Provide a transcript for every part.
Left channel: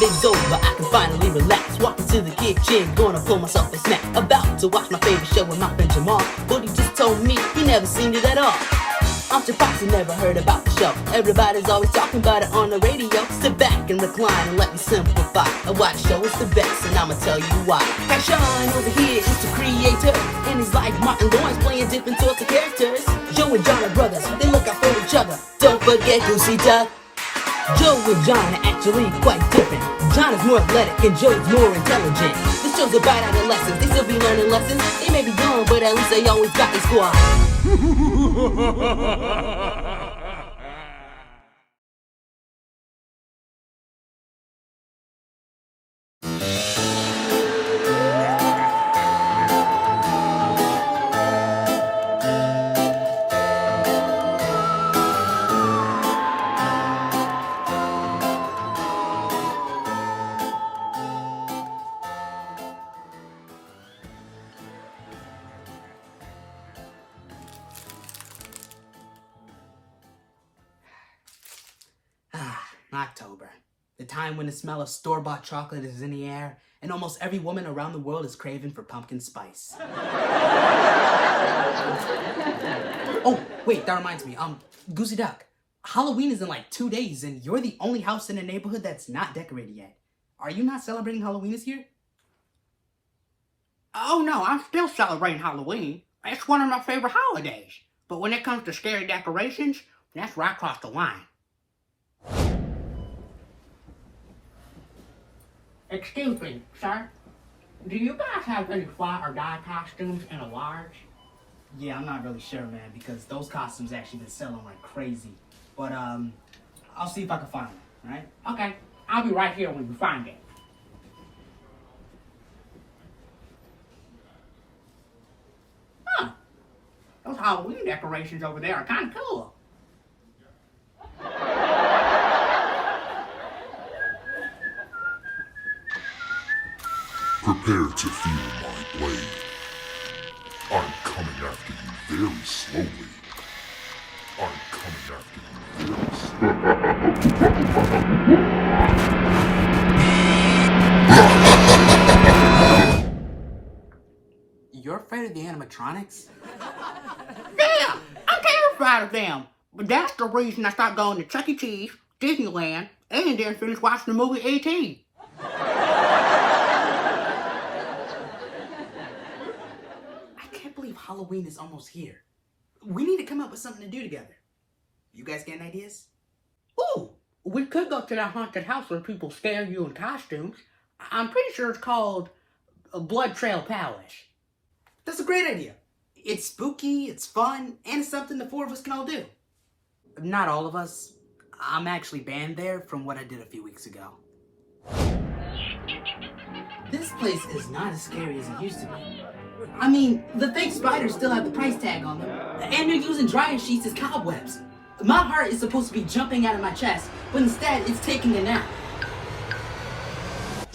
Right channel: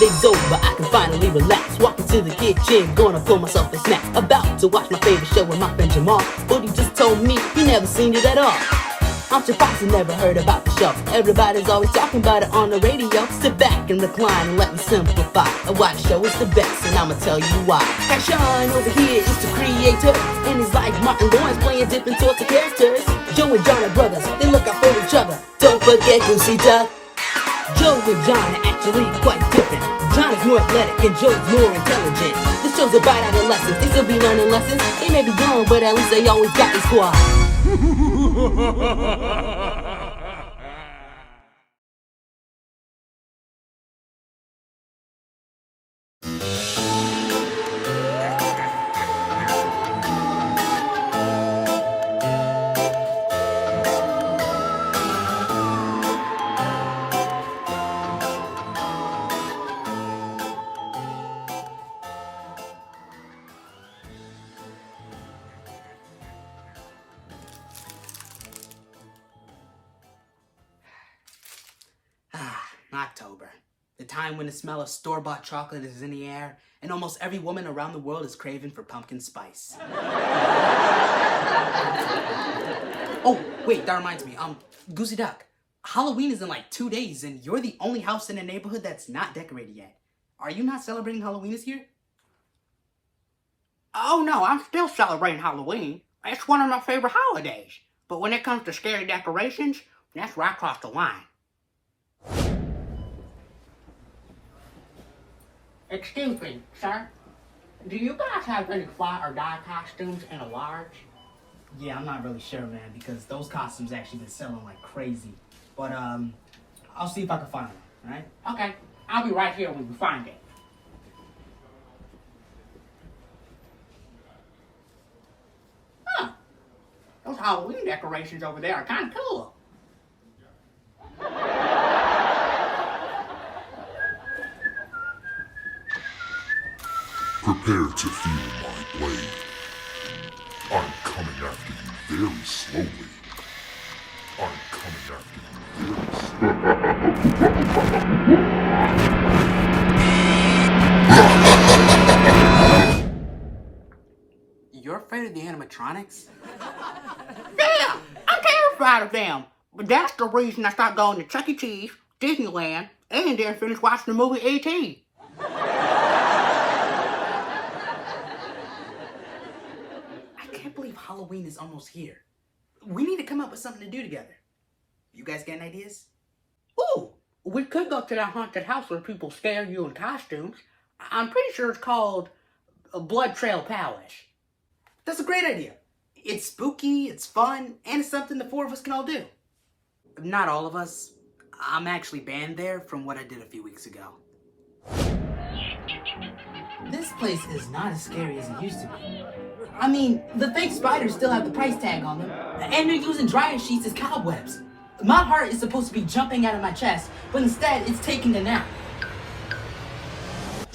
day's over, I can finally relax. Walk into the kitchen, gonna pull myself a snack. About to watch my favorite show with my friend Jamal, but he just told me he never seen it at all. I'm surprised he never heard about the show. Everybody's always talking about it on the radio. Sit back and recline and let me simplify why the show is the best, and I'ma tell you why. Sean over here is the creator, and he's like Martin Lawrence playing different sorts of characters. Joe and John are brothers, they look out for each other. Don't forget Goosey Duck. Joe and John are actually quite different. John is more athletic and Joe's more intelligent. This show's about adolescents, they still be learning lessons. They may be grown, but at least they always got the squad. October. The time when the smell of store-bought chocolate is in the air, and almost every woman around the world is craving for pumpkin spice. Oh, wait, that reminds me. Goosey Duck, Halloween is in like 2 days, and you're the only house in the neighborhood that's not decorated yet. Are you not celebrating Halloween this year? Oh no, I'm still celebrating Halloween. It's one of my favorite holidays. But when it comes to scary decorations, that's where I cross the line. Excuse me, sir. Do you guys have any fly or die costumes in a large? Yeah, I'm not really sure, man, because those costumes actually been selling like crazy. But, I'll see if I can find them, alright? Okay, I'll be right here when you find it. Huh. Those Halloween decorations over there are kind of cool. Prepare to feel my blade. I'm coming after you very slowly. I'm coming after you very slowly. You're afraid of the animatronics? Yeah, I'm terrified of them. But that's the reason I stopped going to Chuck E. Cheese, Disneyland, and then finished watching the movie E.T. I can't believe Halloween is almost here. We need to come up with something to do together. You guys got any ideas? Ooh, we could go to that haunted house where people scare you in costumes. I'm pretty sure it's called Blood Trail Palace. That's a great idea. It's spooky, it's fun, and it's something the four of us can all do. Not all of us. I'm actually banned there from what I did a few weeks ago. This place is not as scary as it used to be. I mean, the fake spiders still have the price tag on them, and they're using dryer sheets as cobwebs. My heart is supposed to be jumping out of my chest, but instead it's taking a nap.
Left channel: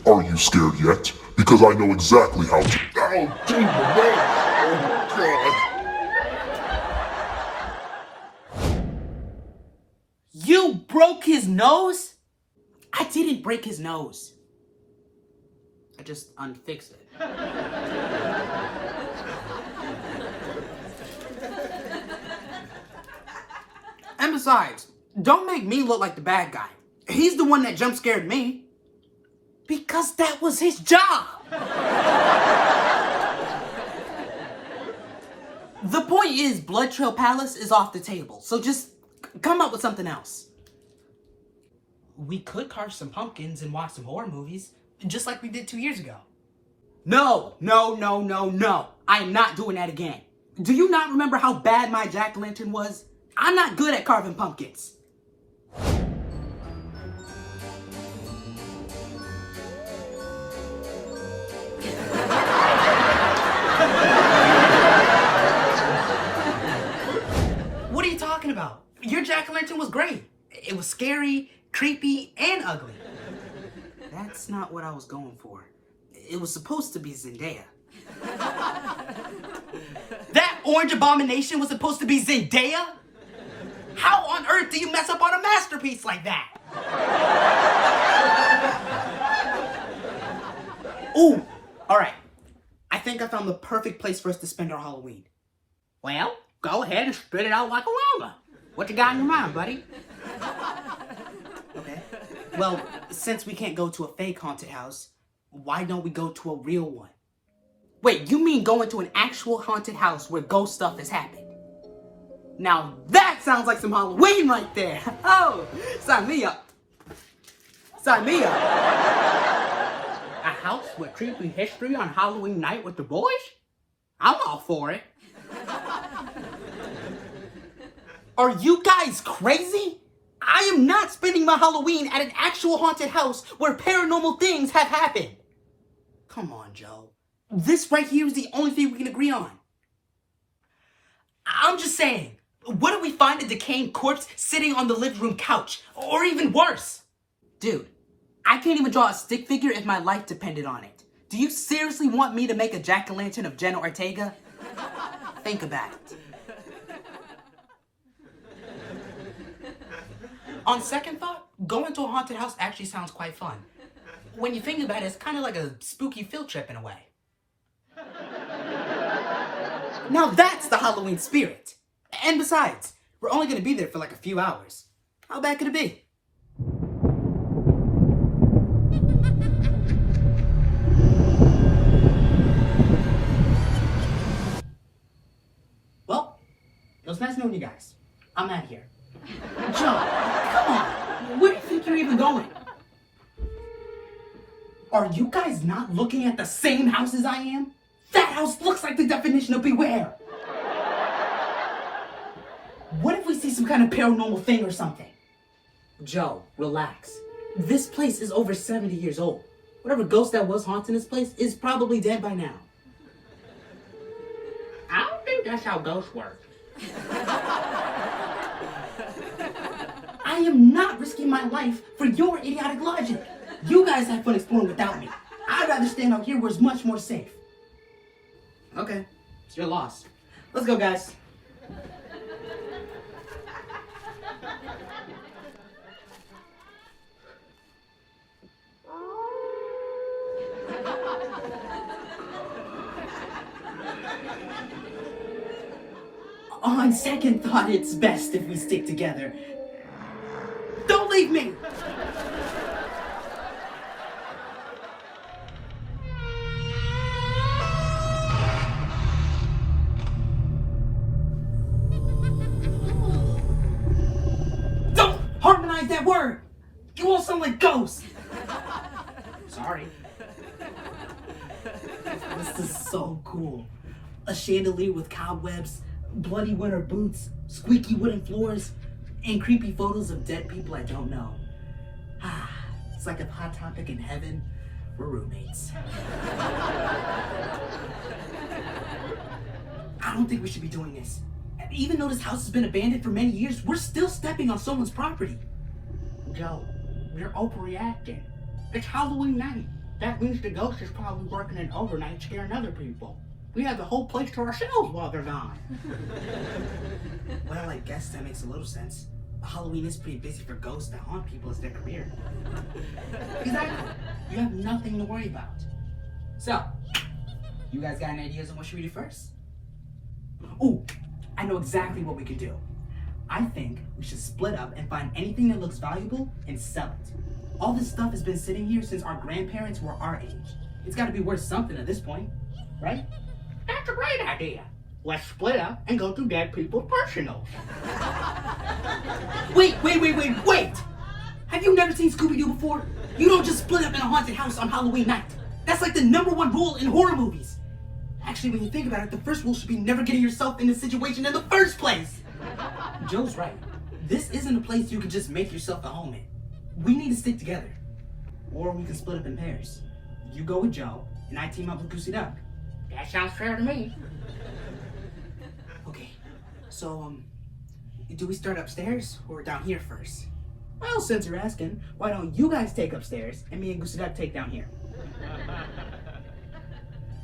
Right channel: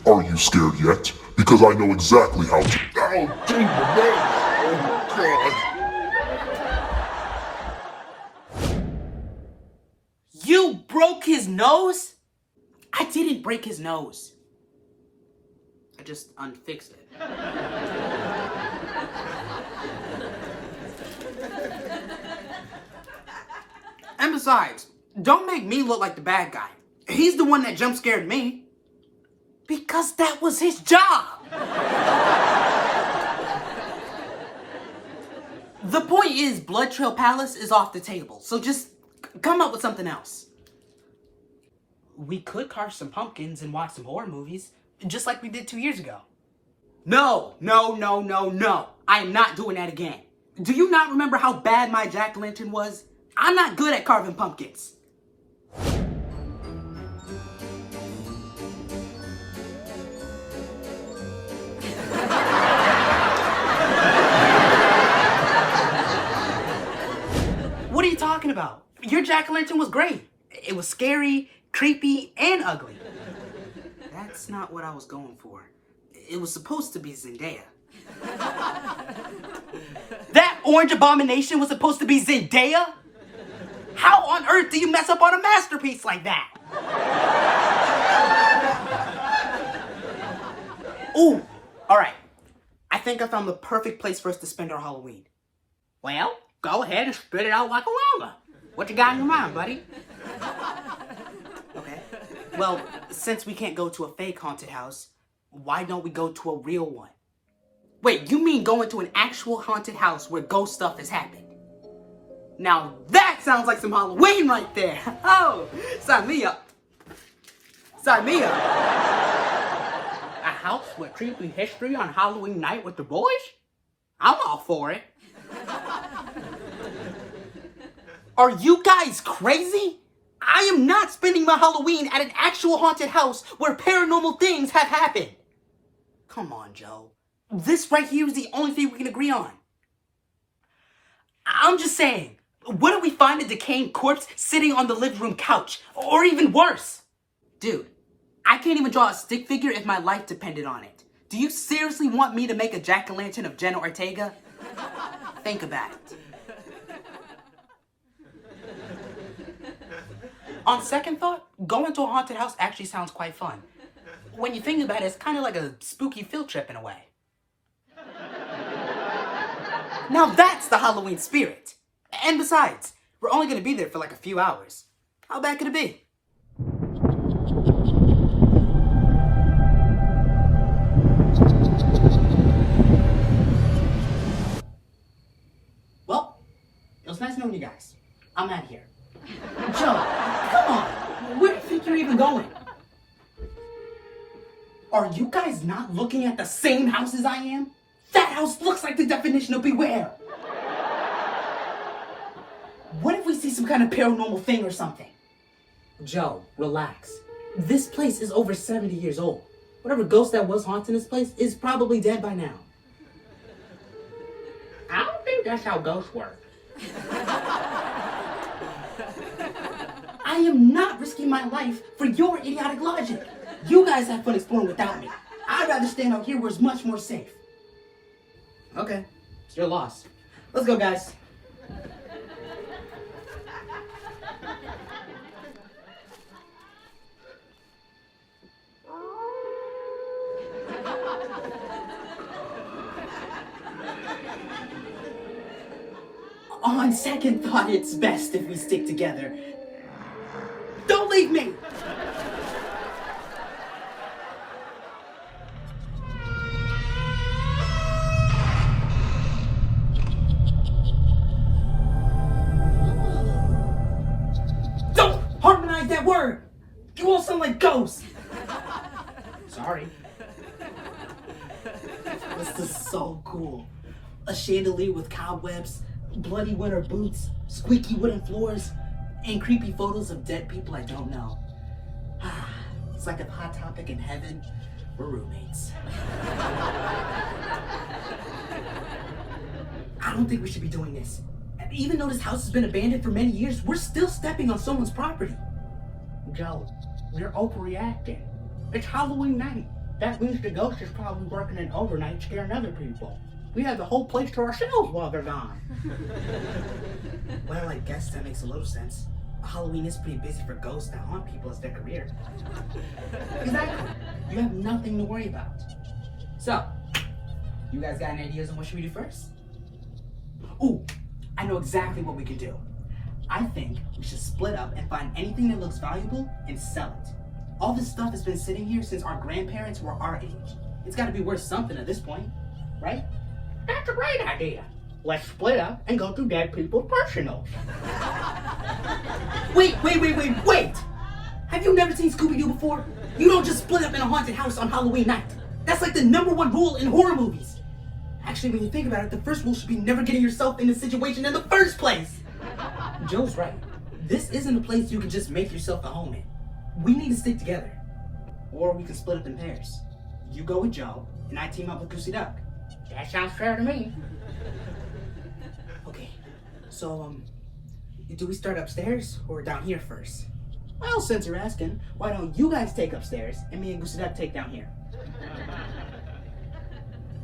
Are you scared yet? Because I know exactly how to... Oh, Jesus! Oh, God! You broke his nose? I didn't break his nose. I just unfixed it. And besides, don't make me look like the bad guy. He's the one that jump scared me. Because that was his job. The point is, Blood Trail Palace is off the table, so just come up with something else. We could carve some pumpkins and watch some horror movies, just like we did 2 years ago. No. I am not doing that again. Do you not remember how bad my jack-o'-lantern was? I'm not good at carving pumpkins. What are you talking about? Your jack-o'-lantern was great. It was scary, creepy, and ugly. That's not what I was going for. It was supposed to be Zendaya. That orange abomination was supposed to be Zendaya? How on earth do you mess up on a masterpiece like that? Ooh, all right. I think I found the perfect place for us to spend our Halloween. Well, go ahead and spit it out like a llama. What you got in your mind, buddy? Okay. Well, since we can't go to a fake haunted house, why don't we go to a real one? Wait, you mean going to an actual haunted house where ghost stuff has happened? Now that sounds like some Halloween right there. Oh, sign me up. Sign me up. A house with creepy history on Halloween night with the boys? I'm all for it. Are you guys crazy? I am not spending my Halloween at an actual haunted house where paranormal things have happened. Come on, Joe. This right here is the only thing we can agree on. I'm just saying, what if we find a decaying corpse sitting on the living room couch? Or even worse? Dude, I can't even draw a stick figure if my life depended on it. Do you seriously want me to make a jack-o'-lantern of Jenna Ortega? Think about it. On second thought, going to a haunted house actually sounds quite fun. When you think about it, it's kind of like a spooky field trip in a way. Now that's the Halloween spirit. And besides, we're only going to be there for like a few hours. How bad could it be? Well, it was nice knowing you guys. I'm out of here. Joe, come on. Where do you think you're even going? Are you guys not looking at the same house as I am? That house looks like the definition of beware. What if we see some kind of paranormal thing or something? Joe, relax. This place is over 70 years old. Whatever ghost that was haunting this place is probably dead by now. I don't think that's how ghosts work. I am not risking my life for your idiotic logic. You guys have fun exploring without me. I'd rather stand out here where it's much more safe. Okay, it's your loss. Let's go, guys. On second thought, it's best if we stick together. Don't leave me! Don't harmonize that word! You all sound like ghosts! Sorry. This is so cool. A chandelier with cobwebs, bloody winter boots, squeaky wooden floors, and creepy photos of dead people I don't know. It's like a hot topic in heaven. We're roommates. I don't think we should be doing this. Even though this house has been abandoned for many years, we're still stepping on someone's property. Joe, we're overreacting. It's Halloween night. That means the ghost is probably working an overnight scaring other people. We have the whole place to ourselves while they're gone. Well, I guess that makes a little sense. Halloween is pretty busy for ghosts that haunt people as their career. Exactly. You have nothing to worry about. So, you guys got any ideas on what should we do first? Ooh, I know exactly what we can do. I think we should split up and find anything that looks valuable and sell it. All this stuff has been sitting here since our grandparents were our age. It's got to be worth something at this point, right? That's a great idea. Let's split up and go through dead people's personals. Wait! Have you never seen Scooby-Doo before? You don't just split up in a haunted house on Halloween night. That's like the #1 rule in horror movies. Actually, when you think about it, the first rule should be never getting yourself in this situation in the first place. Joe's right. This isn't a place you can just make yourself a home in. We need to stick together. Or we can split up in pairs. You go with Joe, and I team up with Goosey Duck. That sounds fair to me. Okay, so, do we start upstairs or down here first? Well, since you're asking, why don't you guys take upstairs and me and Goosey Duck take down here?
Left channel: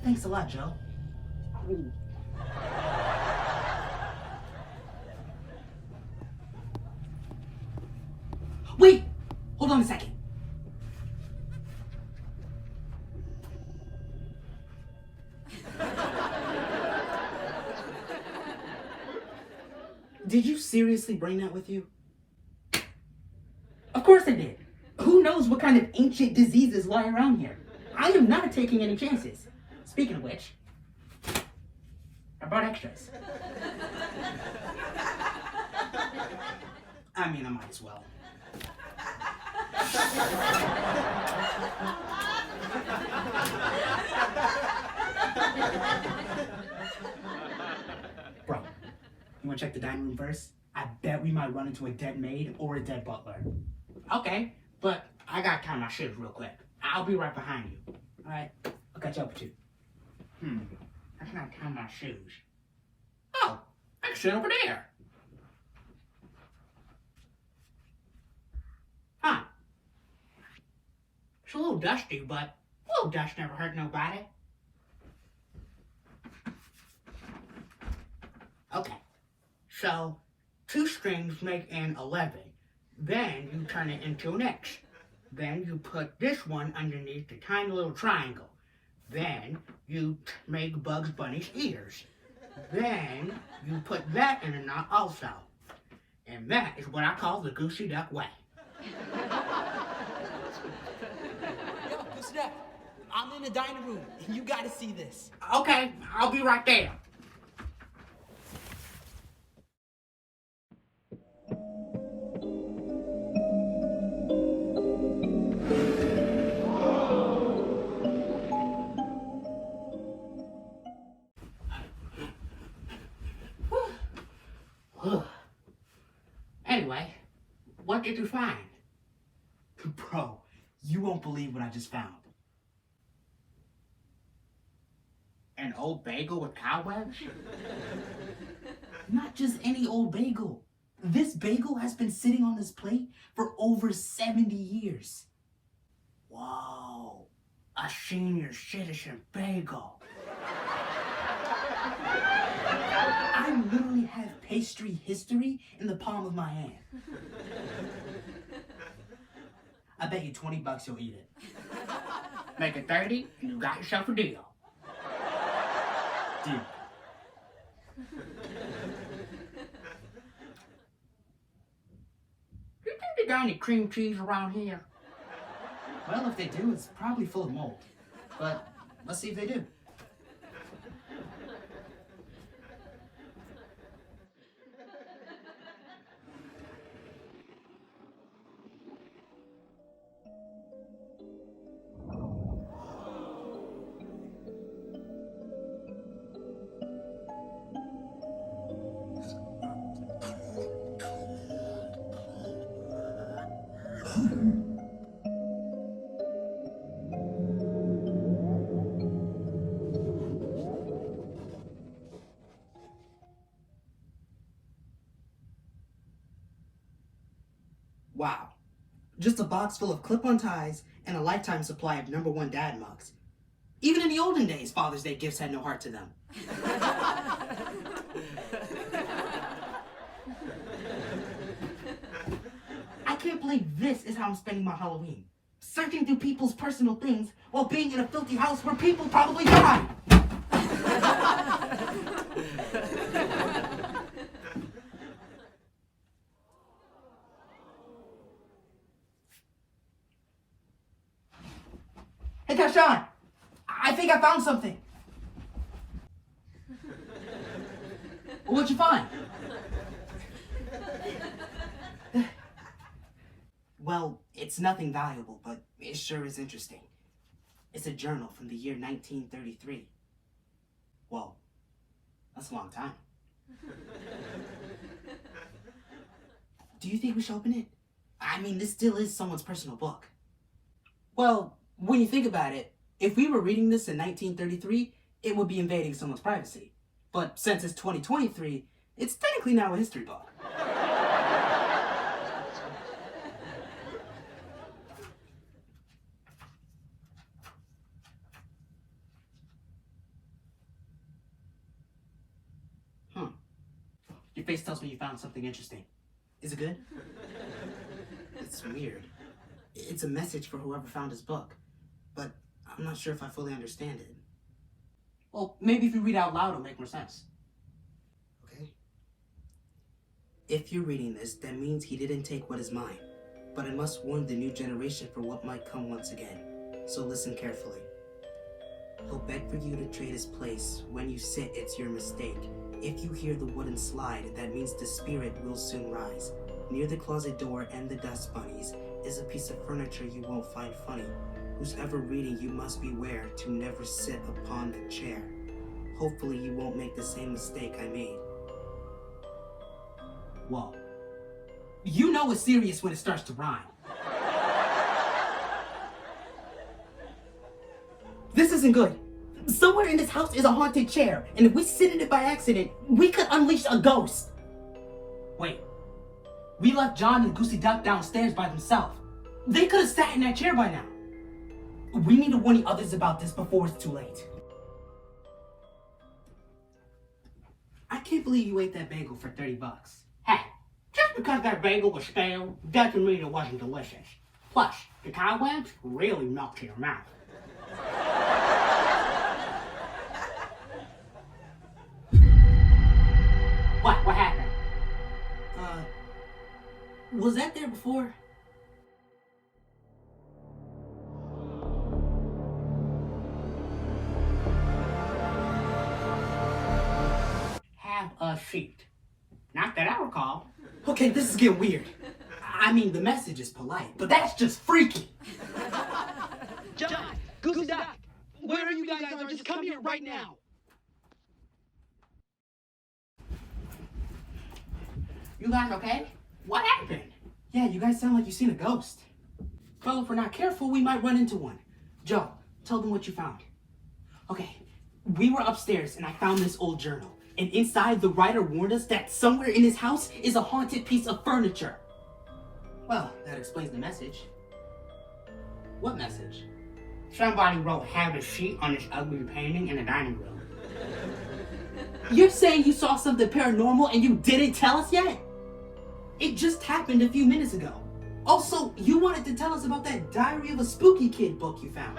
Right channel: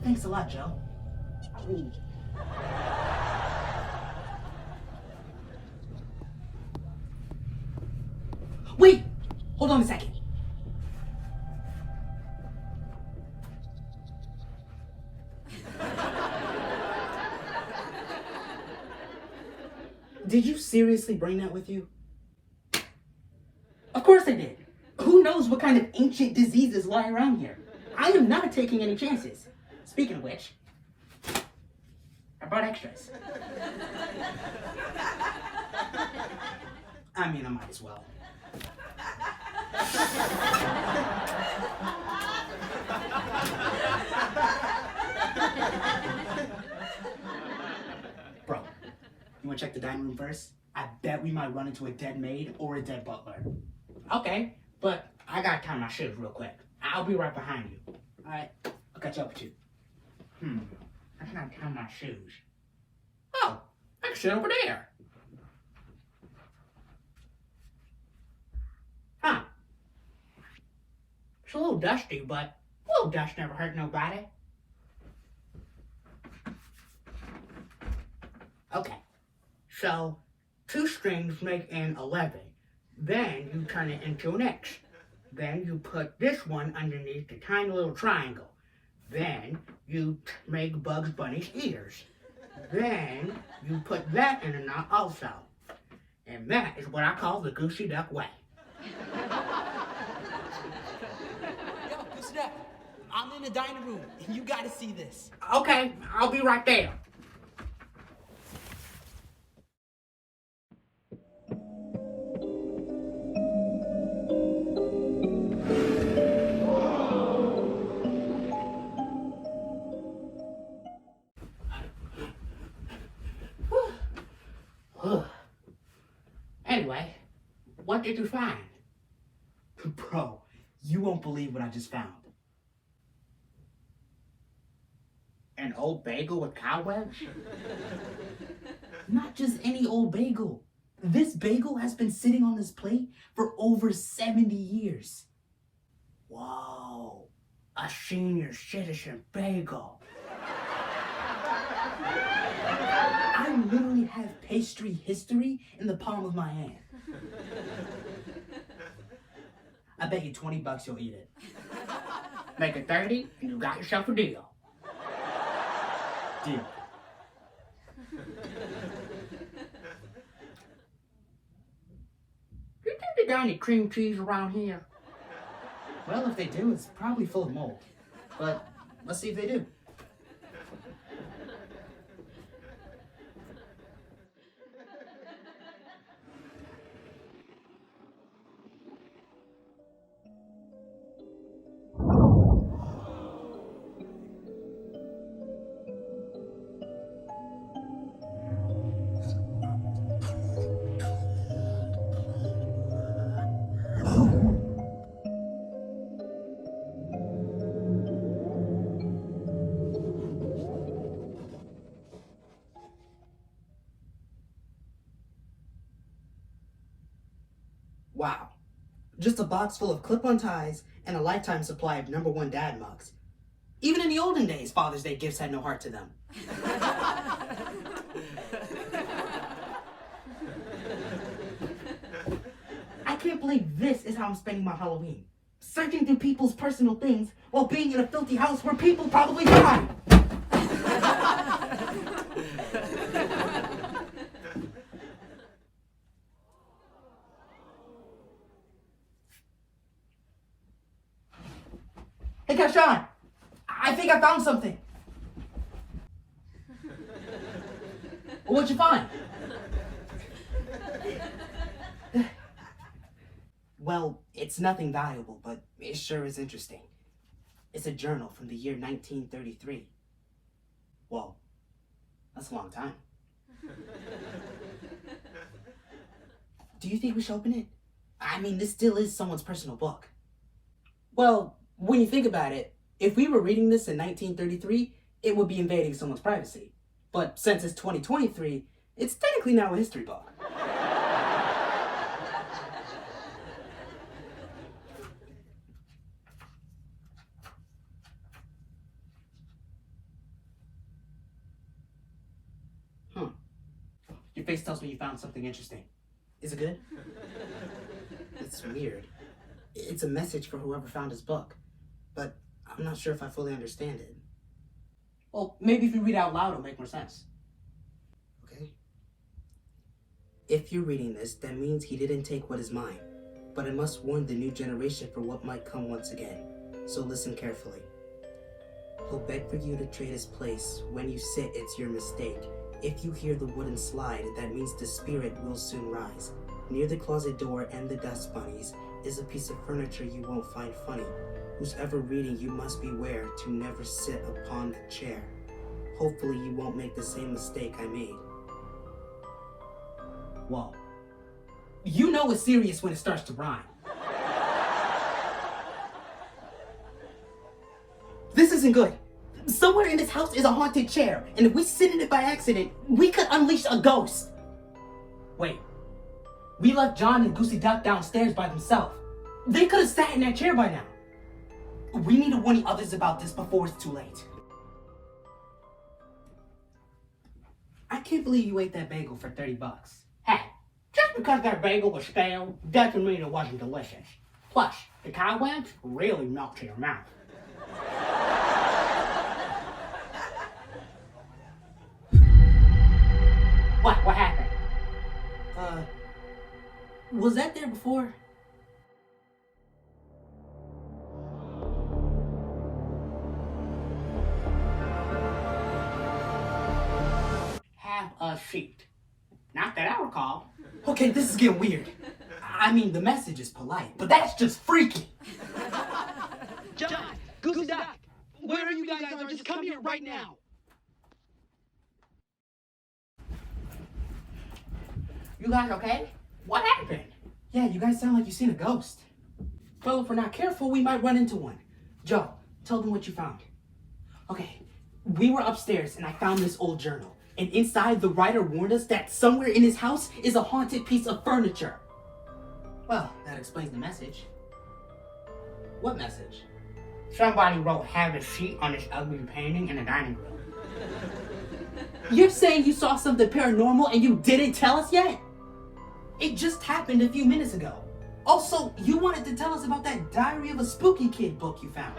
Thanks a lot, Joe. Ooh. Wait! Hold on a second. seriously bring that with you? Of course I did. Who knows what kind of ancient diseases lie around here? I am not taking any chances. Speaking of which, I brought extras. I mean, I might as well. Bro, you wanna check the dining room first? I bet we might run into a dead maid or a dead butler. Okay, but I gotta tie my shoes real quick. I'll be right behind you. Alright, I'll catch up with you. I can't tie my shoes. Oh, I can sit over there. Huh. It's a little dusty, but a little dust never hurt nobody. Okay, so 2 strings make an 11. Then you turn it into an X. Then you put this one underneath the tiny little triangle. Then you make Bugs Bunny's ears. Then you put that in a knot also. And that is what I call the Goosey Duck way. Yo, Goosey Duck, I'm in the dining room, and you gotta see this. Okay, I'll be right there. Anyway, what did you find? Bro, you won't believe what I just found. An old bagel with cobwebs? Not just any old bagel. This bagel has been sitting on this plate for over 70 years. Whoa, a senior citizen bagel. I literally have pastry history in the palm of my hand. I bet you $20 you'll eat it. Make it 30 and you got yourself a deal. Dude. You think they got any cream cheese around here? Well, if they do, it's probably full of mold. But let's see if they do. Wow. Just a box full of clip-on ties and a lifetime supply of #1 dad mugs. Even in the olden days, Father's Day gifts had no heart to them. I can't believe this is how I'm spending my Halloween. Searching through people's personal things while being in a filthy house where people probably die. Hey, Kashan, I think I found something. What'd you find? Well, it's nothing valuable, but it sure is interesting. It's a journal from the year 1933. Well, that's a long time. Do you think we should open it? I mean, this still is someone's personal book. Well, when you think about it, if we were reading this in 1933, it would be invading someone's privacy. But since it's 2023, it's technically now a history book. Your face tells me you found something interesting. Is it good? It's weird. It's a message for whoever found his book, but I'm not sure if I fully understand it. Well, maybe if you read out loud, it'll make more sense. Okay. If you're reading this, that means he didn't take what is mine. But I must warn the new generation for what might come once again. So listen carefully. He'll beg for you to trade his place. When you sit, it's your mistake. If you hear the wooden slide, that means the spirit will soon rise. Near the closet door and the dust bunnies is a piece of furniture you won't find funny. Who's ever reading, you must beware to never sit upon the chair. Hopefully you won't make the same mistake I made. Whoa. You know it's serious when it starts to rhyme. This isn't good. Somewhere in this house is a haunted chair, and if we sit in it by accident, we could unleash a ghost. Wait. We left John and Goosey Duck downstairs by themselves. They could have sat in that chair by now. We need to warn the others about this before it's too late. I can't believe you ate that bagel for $30. Hey, just because that bagel was stale doesn't mean it wasn't delicious. Plus, the cobwebs really knocked to your mouth. What happened? Was that there before? Have a seat. Not that I recall. Okay, this is getting weird. I mean, the message is polite, but that's just freaky. John, Goosey Duck, wherever you guys are, just come here right now. You guys okay? What happened? Yeah, you guys sound like you've seen a ghost. Well, if we're not careful, we might run into one. Joe, tell them what you found. Okay, we were upstairs and I found this old journal. And inside, the writer warned us that somewhere in his house is a haunted piece of furniture. Well, that explains the message. What message? Somebody wrote "have a seat" on this ugly painting in the dining room. You're saying you saw something paranormal and you didn't tell us yet? It just happened a few minutes ago. Also, you wanted to tell us about that Diary of a Spooky Kid book you found.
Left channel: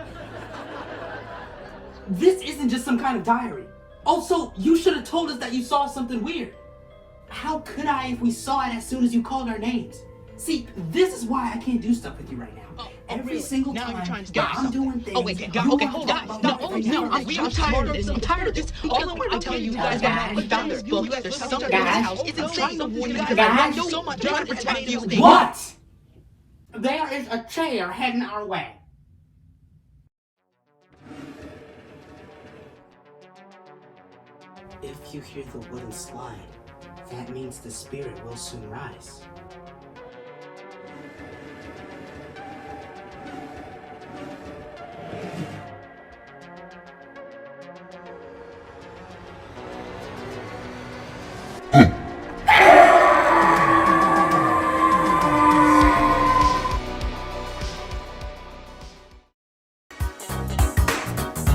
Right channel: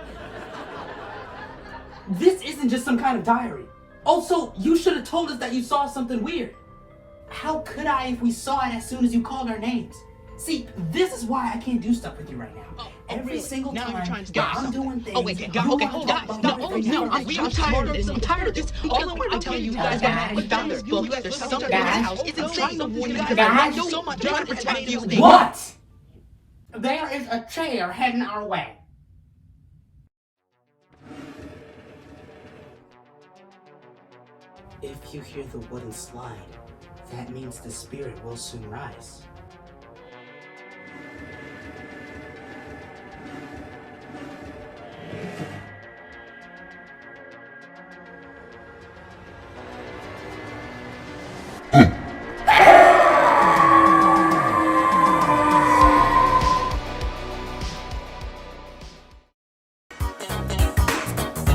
This isn't just some kind of diary. Also, you should have told us that you saw something weird. How could I if we saw it as soon as you called our names? See, this is why I can't do stuff with you right now. Every really? single Now time you're trying to that start I'm doing something. things. Oh, wait, okay, hold on. I'm tired of this. I'm tired of this. All the way I'm telling you guys that we found this book. There's something in this house. It's insane. To warn you because I love you so much. I'm trying to protect you. What? There is a chair heading our way. If you hear the wooden slide, that means the spirit will soon rise.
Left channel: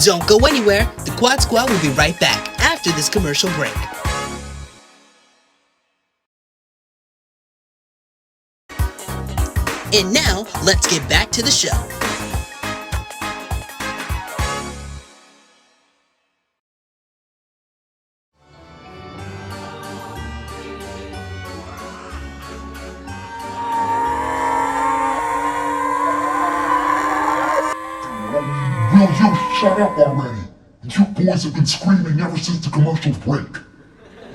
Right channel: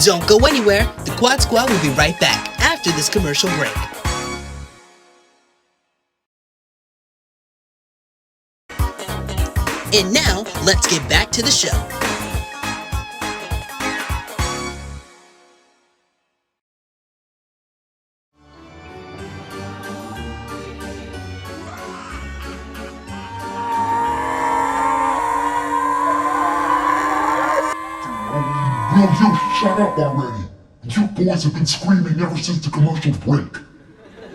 Don't go anywhere. The Quad Squad will be right back after this commercial break. And now, let's get back to the show. Will you shut up already? You boys have been screaming ever since the commercials break.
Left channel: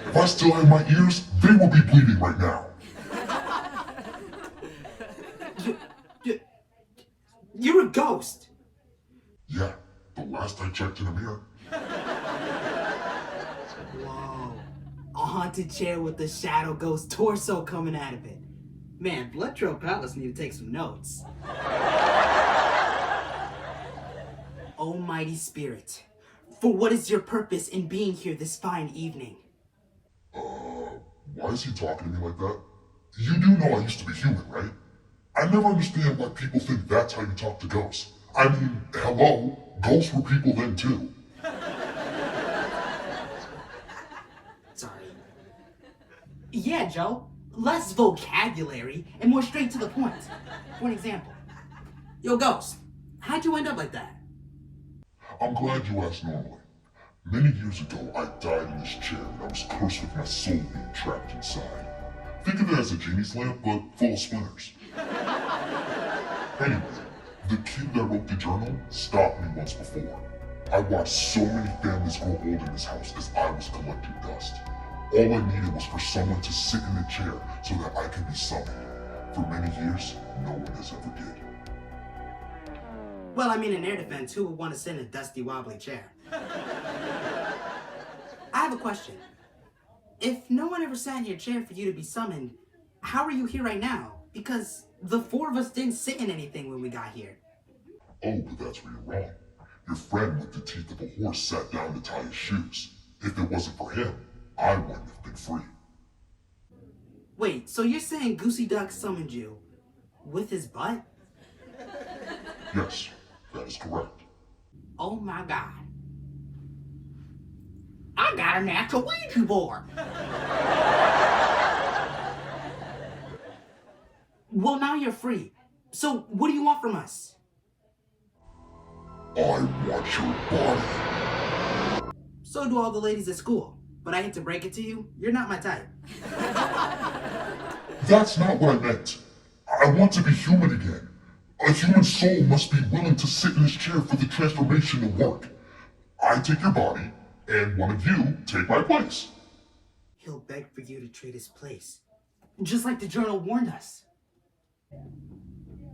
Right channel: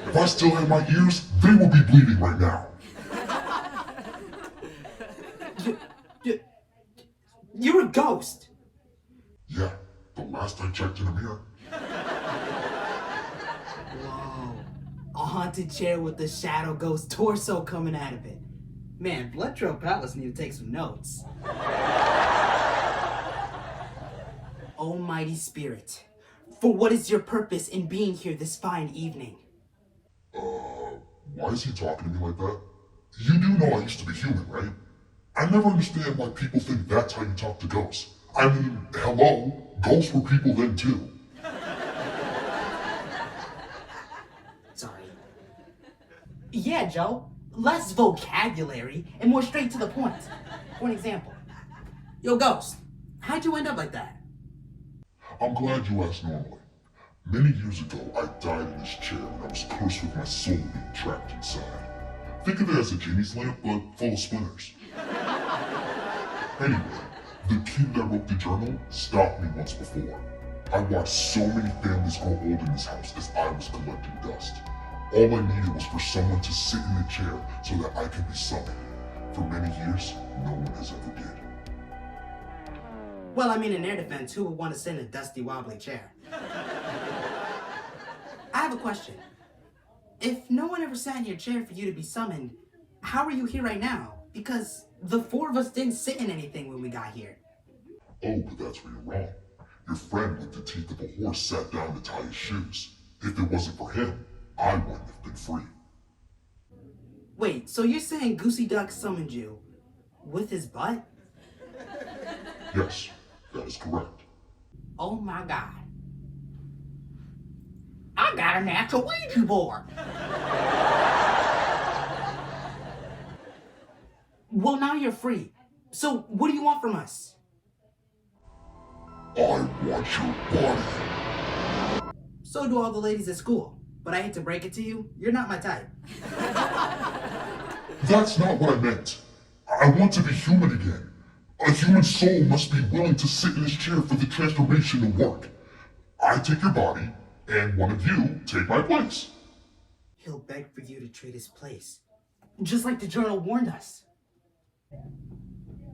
If I still had my ears, they would be bleeding right now. You're a ghost. Yeah, the last I checked in a mirror. A haunted chair with the shadow ghost torso coming out of it. Man, Blood Trail Palace need to take some notes. Almighty Spirit, for what is your purpose in being here this fine evening? Why is he talking to me like that? You do know I used to be human, right? I never understand why people think that's how you talk to ghosts. I mean, hello, ghosts were people then too. Sorry. Yeah, Joe. Less vocabulary and more straight to the point. For example, yo, Ghost, how'd you end up like that? I'm glad you asked normally. Many years ago, I died in this chair and I was cursed with my soul being trapped inside. Think of it as a genie's lamp, but full of splinters. Anyway, the kid that wrote the journal stopped me once before. I watched so many families grow old in this house as I was collecting dust. All I needed was for someone to sit in a chair so that I could be summoned. For many years, no one has ever did. Well, I mean, in their defense, who would want to sit in a dusty, wobbly chair? I have a question. If no one ever sat in your chair for you to be summoned, how are you here right now? Because the four of us didn't sit in anything when we got here. Oh, but that's where you're wrong. Your friend with the teeth of a horse sat down to tie his shoes. If it wasn't for him, I wouldn't have been free. Wait, so you're saying Goosey Duck summoned you with his butt? Yes, that is correct. Oh my God. I got a natural Ouija board. Well, now you're free. So what do you want from us? I want your body. So do all the ladies at school. But I hate to break it to you, you're not my type. That's not what I meant. I want to be human again. A human soul must be willing to sit in this chair for the transformation to work. I take your body, and one of you take my place. He'll beg for you to trade his place. Just like the journal warned us.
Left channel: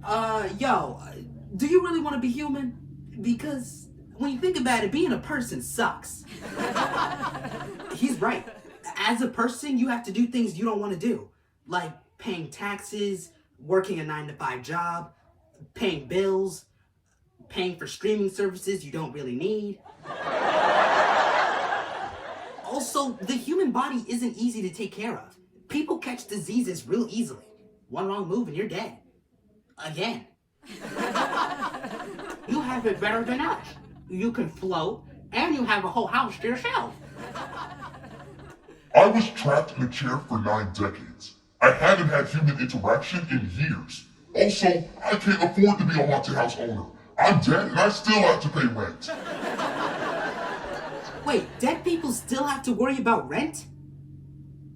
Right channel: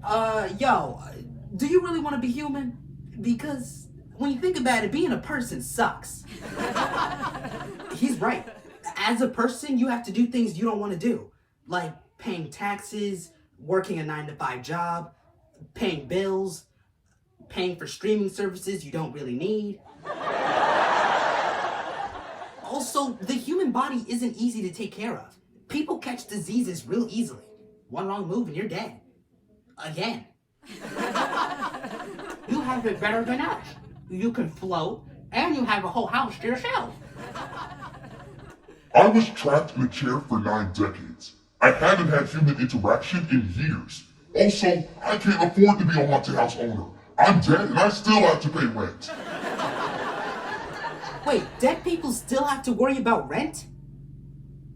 Do you really want to be human? Because when you think about it, being a person sucks. He's right. As a person, you have to do things you don't want to do. Like paying taxes, working a 9-to-5 job, paying bills, paying for streaming services you don't really need. Also, the human body isn't easy to take care of. People catch diseases real easily. One wrong move and you're dead. Again. You have it better than us. You can float, and you have a whole house to yourself. I was trapped in a chair for 9 decades. I haven't had human interaction in years. Also, I can't afford to be a haunted house owner. I'm dead and I still have to pay rent. Wait, dead people still have to worry about rent?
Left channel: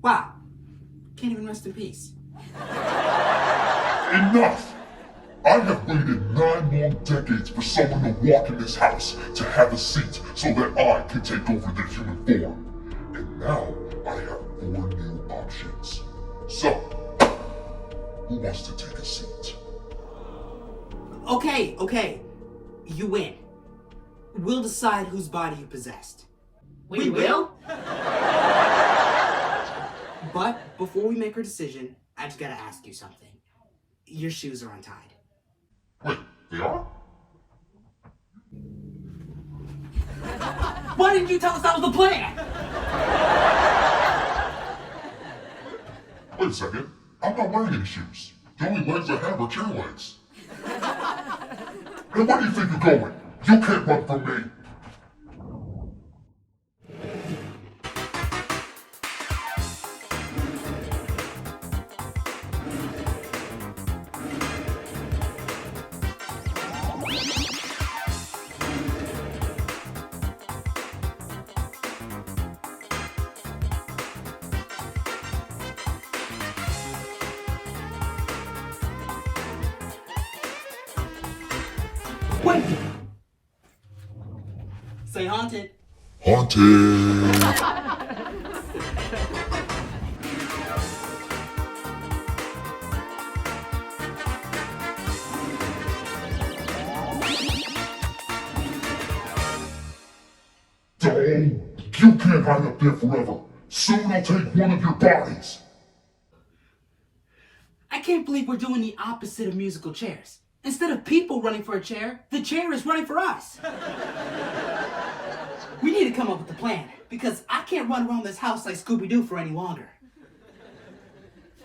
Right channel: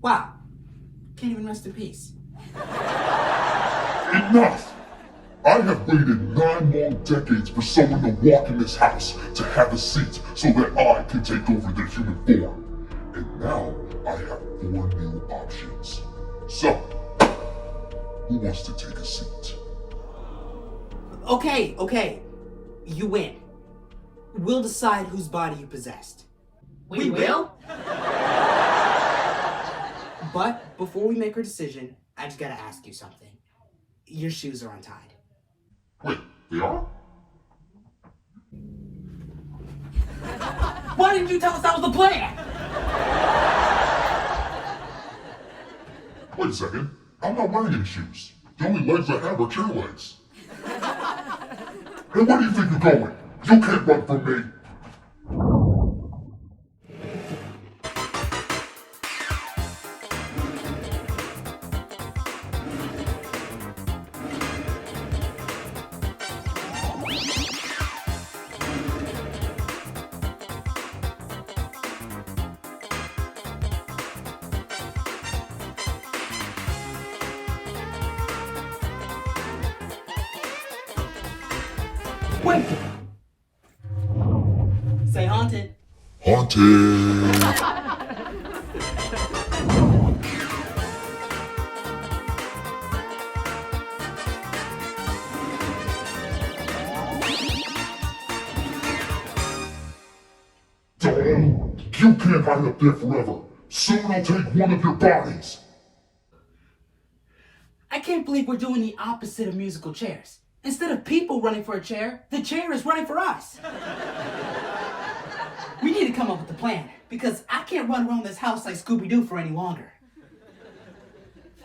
Wow. Can't even rest in peace. Enough! I have waited 9 long decades for someone to walk in this house, to have a seat, so that I can take over their human form. And now, I have 4 new options. So, who wants to take a seat? Okay. You win. We'll decide whose body you possessed. We will? But before we make our decision, I just gotta ask you something. Your shoes are untied. Wait, they are? Why didn't you tell us that was the plan? Wait a second. I'm not wearing any shoes. The only legs I have are chair legs. And where do you think you're going? You can't run from me. Wait. Say haunted. Haunted. You can't hide up there forever. Soon I'll take one of your bodies. I can't believe we're doing the opposite of musical chairs. Instead of people running for a chair, the chair is running for us. We need to come up with a plan, because I can't run around this house like Scooby-Doo for any longer.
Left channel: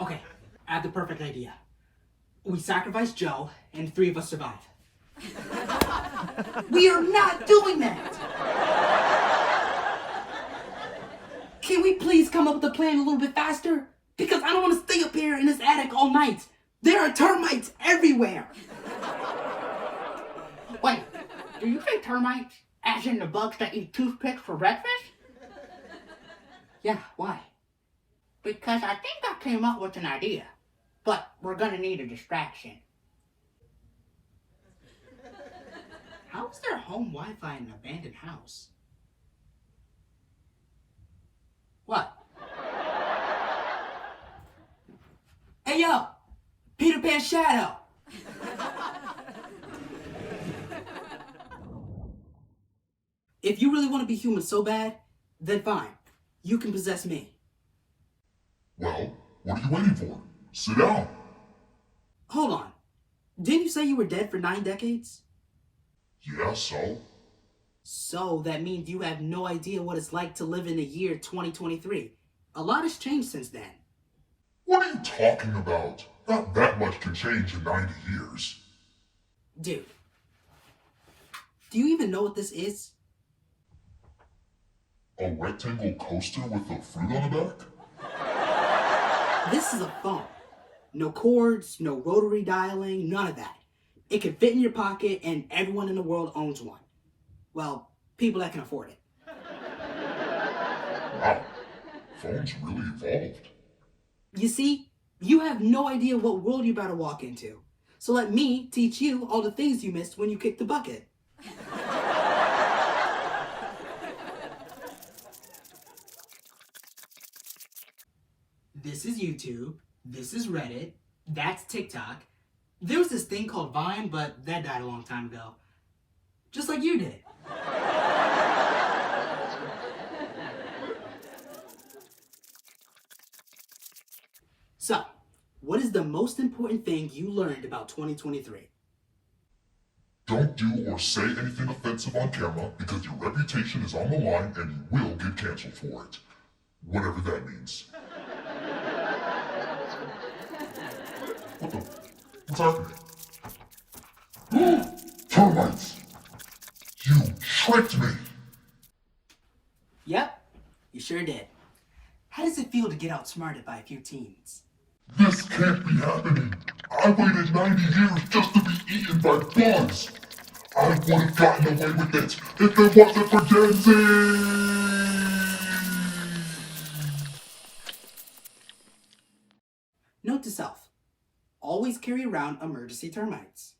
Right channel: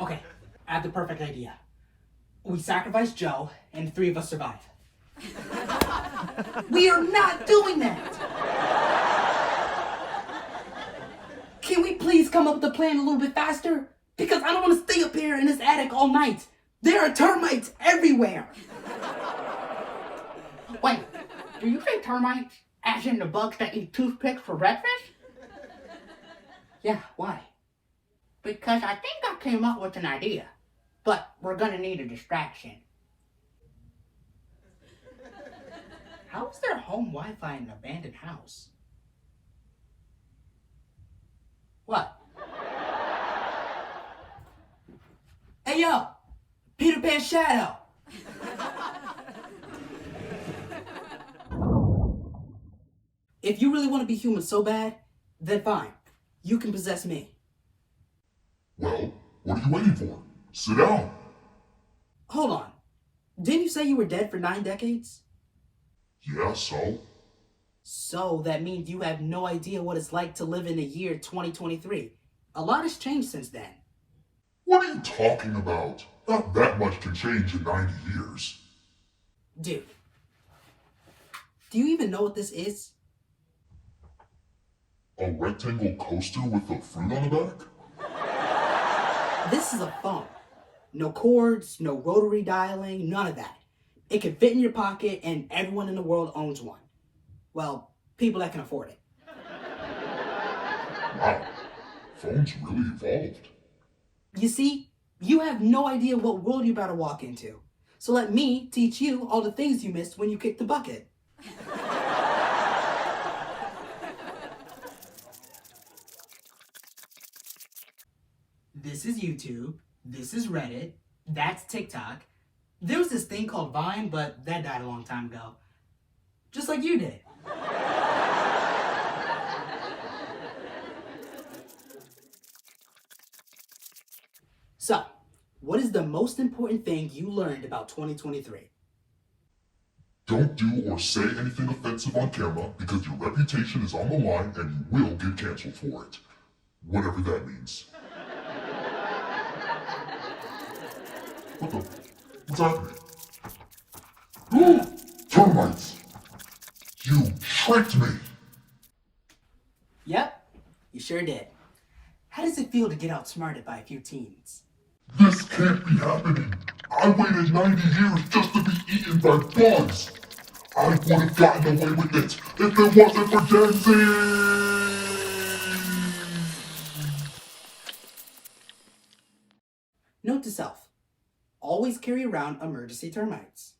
Okay, I have the perfect idea. We sacrifice Joe, and 3 of us survive. We are not doing that! Can we please come up with a plan a little bit faster? Because I don't want to stay up here in this attic all night. There are termites everywhere. Wait, do you say termites as in the bugs that eat toothpicks for breakfast? Yeah, why? Because I think I came up with an idea. But we're gonna need a distraction. How is there home Wi-Fi in an abandoned house? What? Hey yo! Peter Pan Shadow! If you really want to be human so bad, then fine. You can possess me. Well, what are you waiting for? Sit down. Hold on. Didn't you say you were dead for 9 decades? Yeah, so? So that means you have no idea what it's like to live in the year 2023. A lot has changed since then. What are you talking about? Not that much can change in 90 years. Dude, do you even know what this is? A rectangle coaster with a fruit on the back? This is a phone. No cords, no rotary dialing, none of that. It can fit in your pocket and everyone in the world owns one. Well, people that can afford it. Wow, phones really evolved. You see, you have no idea what world you're about to walk into. So let me teach you all the things you missed when you kicked the bucket. This is YouTube. This is Reddit. That's TikTok. There was this thing called Vine, but that died a long time ago. Just like you did. So, what is the most important thing you learned about 2023? Don't do or say anything offensive on camera because your reputation is on the line and you will get canceled for it. Whatever that means. What the? What's happening? Termites! You tricked me! Yep, you sure did. How does it feel to get outsmarted by a few teens? This can't be happening. I waited 90 years just to be eaten by bugs. I would have gotten away with it if it wasn't for dancing. Note to self, always carry around emergency termites.